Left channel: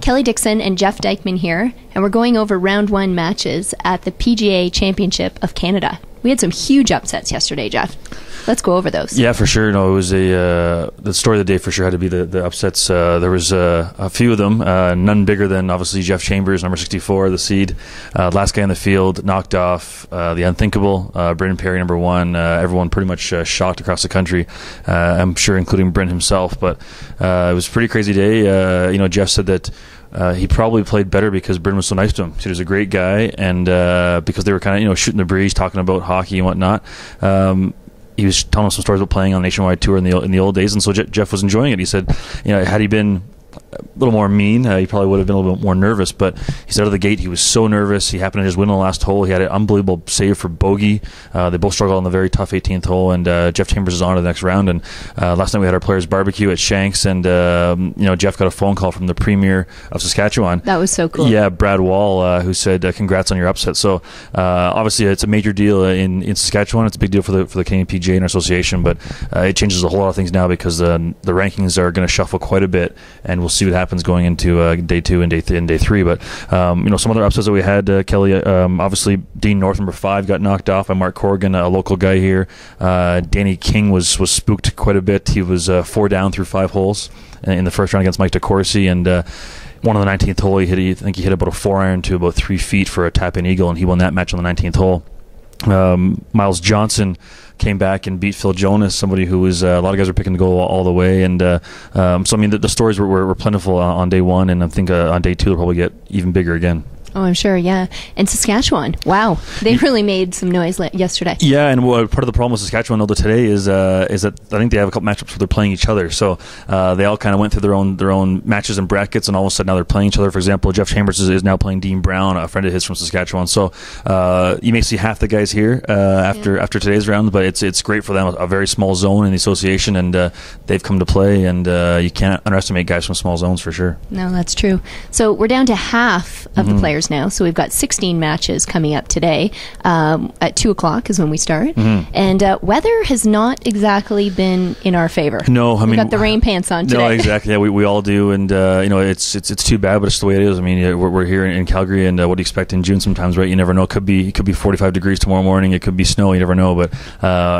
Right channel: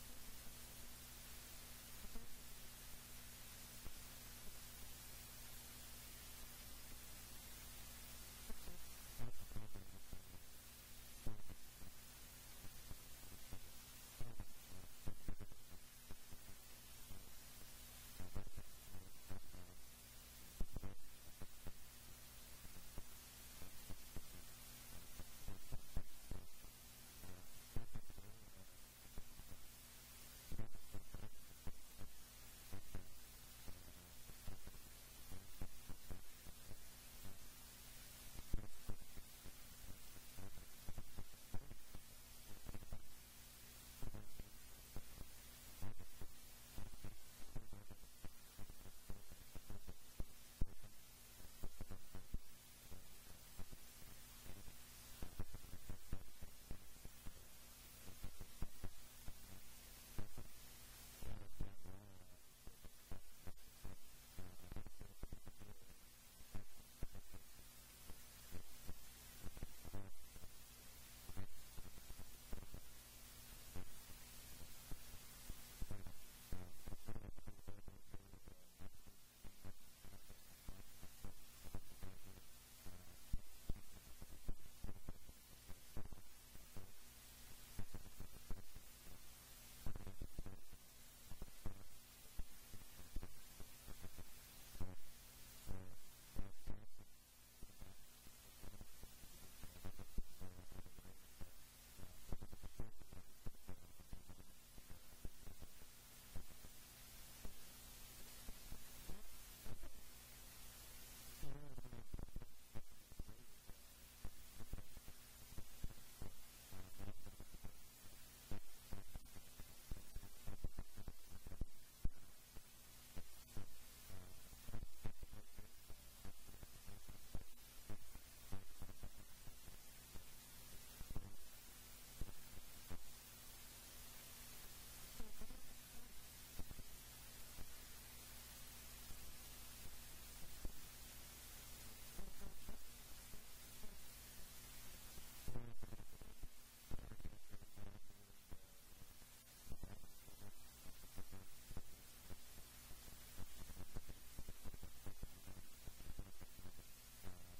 Kelly Dixon and Jeff Dykeman here, and we're going over round one matches at the PGA Championship of Canada. We had some huge upsets yesterday, Jeff. Let's go over those. Yeah, for sure. No, it was the story of the day for sure had to be the upsets. There was a few of them, none bigger than obviously Jeff Chambers, number 64, the seed, last guy in the field, knocked off the unthinkable, Brendan Perry, number 1. Everyone pretty much shocked across the country, I'm sure including Brent himself. But it was a pretty crazy day. Jeff said that he probably played better because Bryn was so nice to him. He was a great guy, and because they were kind of shooting the breeze, talking about hockey and whatnot. He was telling us some stories about playing on a nationwide tour in the old days, and so Jeff was enjoying it. He said, had he been a little more mean, he probably would have been a little bit more nervous, but he said out of the gate he was so nervous. He happened to just win the last hole. He had an unbelievable save for bogey. They both struggled on the very tough 18th hole, and Jeff Chambers is on to the next round. And last night we had our players barbecue at Shanks, and Jeff got a phone call from the Premier of Saskatchewan. That was so cool. Yeah, Brad Wall, who said congrats on your upset. So obviously it's a major deal in Saskatchewan. It's a big deal for the Canadian PGA and our association, but it changes a whole lot of things now because the rankings are going to shuffle quite a bit, and we'll see what happens going into day 2 and day 3. But some other upsets that we had, Kelly, obviously Dean North, number 5, got knocked off by Mark Corrigan, a local guy here. Danny King was spooked quite a bit. He was 4 down through 5 holes in the first round against Mike DeCourcy, and one on the 19th hole, I think he hit about a 4-iron to about 3 feet for a tap-in eagle, and he won that match on the 19th hole. Miles Johnson came back and beat Phil Jonas, somebody who was a lot of guys were picking to go all the way, and so I mean the stories were plentiful on day 1, and I think on day 2 they'll probably get even bigger again. Oh, I'm sure, yeah. And Saskatchewan, wow, they really made some noise yesterday. Yeah, and part of the problem with Saskatchewan though today is that I think they have a couple matchups where they're playing each other. So they all kind of went through their own matches and brackets, and all of a sudden now they're playing each other. For example, Jeff Chambers is now playing Dean Brown, a friend of his from Saskatchewan. So you may see half the guys here after today's round, but it's great for them. A very small zone in the association, and they've come to play, and you can't underestimate guys from small zones for sure. No, that's true. So we're down to half of the players now, so we've got 16 matches coming up today. At 2 o'clock is when we start, and weather has not exactly been in our favor. No, I mean, we've got the rain pants on today. No, exactly. Yeah, we all do, and it's too bad, but it's the way it is. I mean, we're here in Calgary, and what do you expect in June sometimes, right? You never know. It could be 45 degrees tomorrow morning. It could be snow. You never know. But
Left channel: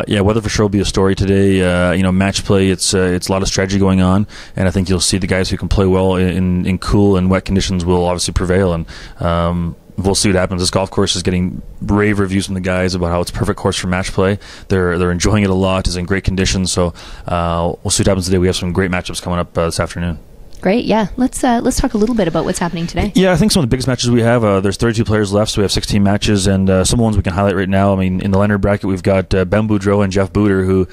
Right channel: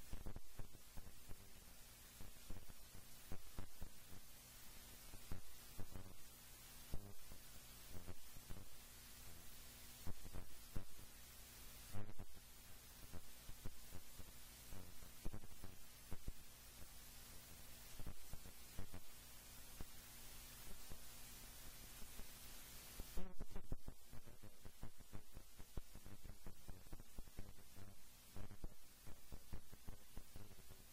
weather for sure will be a story today. Match play. It's a lot of strategy going on, and I think you'll see the guys who can play well in cool and wet conditions will obviously prevail, and we'll see what happens. This golf course is getting rave reviews from the guys about how it's a perfect course for match play. They're enjoying it a lot. It's in great condition. So we'll see what happens today. We have some great matchups coming up this afternoon. Great, yeah. Let's talk a little bit about what's happening today. Yeah, I think some of the biggest matches we have, there's 32 players left, so we have 16 matches, and some of the ones we can highlight right now. I mean, in the Leonard bracket, we've got Ben Boudreau and Jeff Booter, who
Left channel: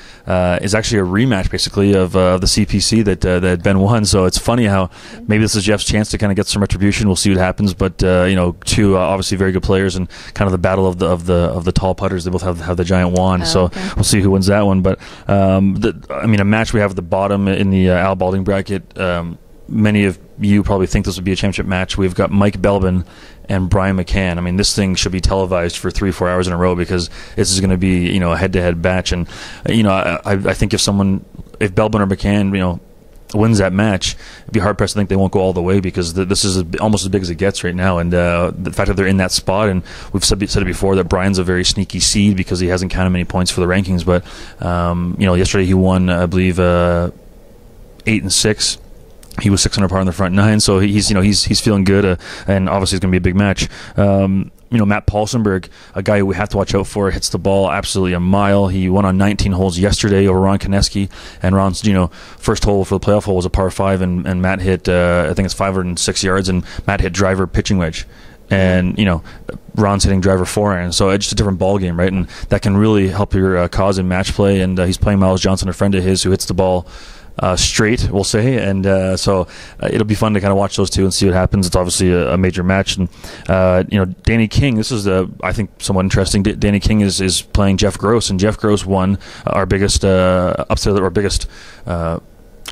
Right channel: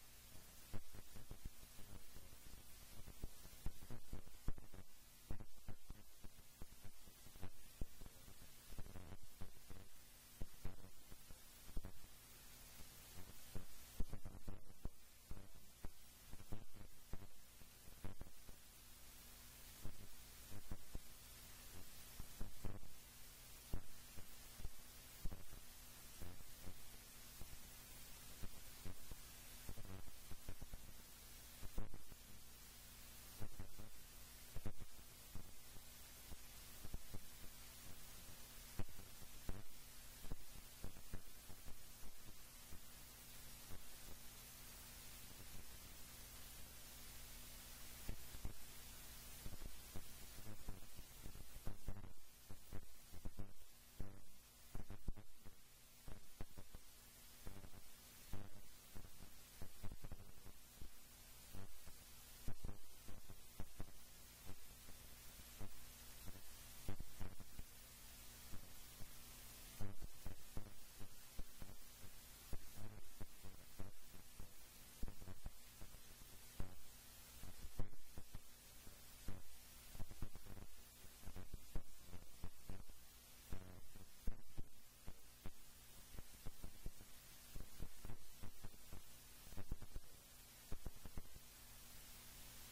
is actually a rematch, basically, of the CPC that Ben won. So it's funny how maybe this is Jeff's chance to kind of get some retribution. We'll see what happens, but two obviously very good players, and kind of the battle of the tall putters. They both have the giant wand, so we'll see who wins that one. But a match we have at the bottom in the Al Balding bracket. Many of you probably think this would be a championship match. We've got Mike Belbin and Brian McCann. I mean, this thing should be televised for 3-4 hours in a row because this is going to be a head-to-head match. And I think if Belbin or McCann wins that match, it'd be hard pressed to think they won't go all the way because this is almost as big as it gets right now. And the fact that they're in that spot, and we've said it before that Brian's a very sneaky seed because he hasn't counted many points for the rankings. But yesterday he won, I believe, 8 and 6. He was 6 under par in the front 9, so he's feeling good, and obviously it's going to be a big match. Matt Paulsenberg, a guy who we have to watch out for, hits the ball absolutely a mile. He won on 19 holes yesterday over Ron Koneski, and Ron's first hole for the playoff hole was a par 5, and Matt hit I think it's 506 yards, and Matt hit driver pitching wedge. And Ron's hitting driver 4-iron, so it's just a different ball game, right? And that can really help your cause in match play. And he's playing Miles Johnson, a friend of his, who hits the ball straight, we'll say, and so it'll be fun to kind of watch those two and see what happens. It's obviously a major match, and Danny King. This is I think somewhat interesting. Danny King is playing Jeff Gross, and Jeff Gross won our biggest upset, our biggest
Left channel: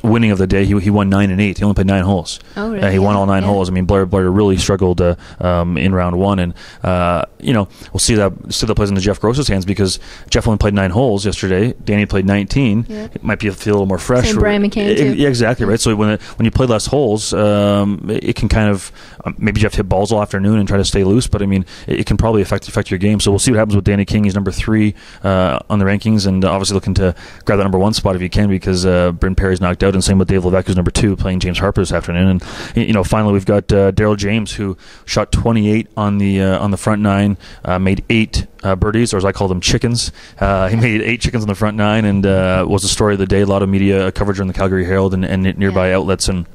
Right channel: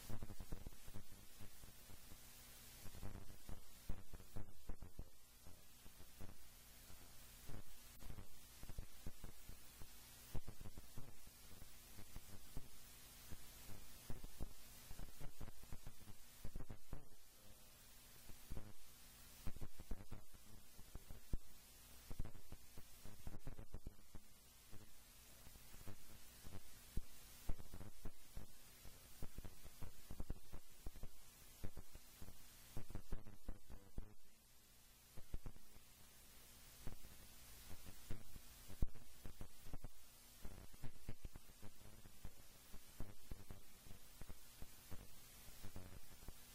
winning of the day. He won 9 and 8. He only played 9 holes. Oh, really? He won all 9 holes. I mean, Blair really struggled in round 1, and we'll see that plays into Jeff Gross's hands, because Jeff only played 9 holes yesterday. Danny played 19. Yeah. It might feel a little more fresh. Same Brian McCann too. Yeah, exactly right. So when you play less holes, it can kind of maybe you have to hit balls all afternoon and try to stay loose. But I mean, it can probably affect your game. So we'll see what happens with Danny King. He's number 3 on the rankings, and obviously looking to grab that number 1 spot if you can, because Bryn Perry's knocked out, and same with Dave Levesque, who's number 2, playing James Harper this afternoon. And finally we've got Daryl James, who shot 28 on the front 9, made 8 birdies, or as I call them, chickens. He made 8 chickens on the front 9, and was the story of the day. A lot of media coverage on the Calgary Herald and nearby outlets, and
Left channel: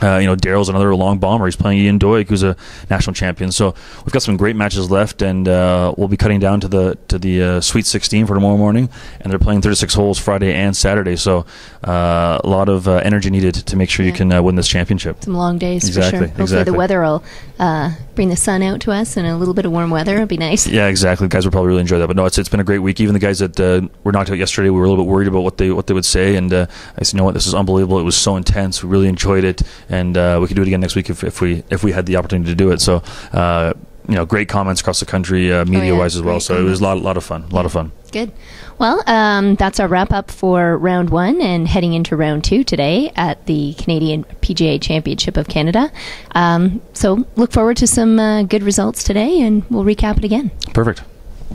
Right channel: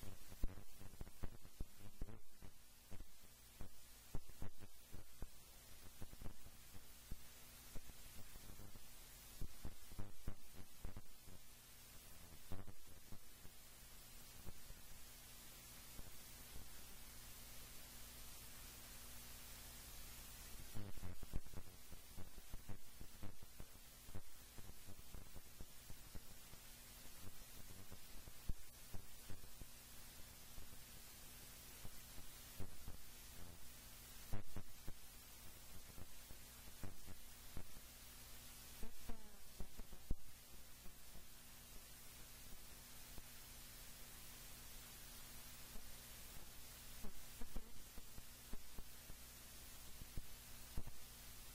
Daryl's another long bomber. He's playing Ian Doig, who's a national champion. So we've got some great matches left, and we'll be cutting down to the Sweet 16 for tomorrow morning, and they're playing 36 holes Friday and Saturday. So a lot of energy needed to make sure you can win this championship. Some long days, exactly, for sure. Hopefully the weather will bring the sun out to us, and a little bit of warm weather. It'll be nice. Yeah, exactly. The guys will probably really enjoy that. But no, it's been a great week. Even the guys that were knocked out yesterday, we were a little bit worried about what they would say, and I said, you know what, this is unbelievable. It was so intense. We really enjoyed it, and we could do it again next week if we had the opportunity to do it. So great comments across the country, media wise as well. So it was a lot of fun. Good. Well, that's our wrap up for round 1, and heading into round 2 today at the Canadian PGA Championship of Canada. So look forward to some good results today, and we'll recap it again. Perfect.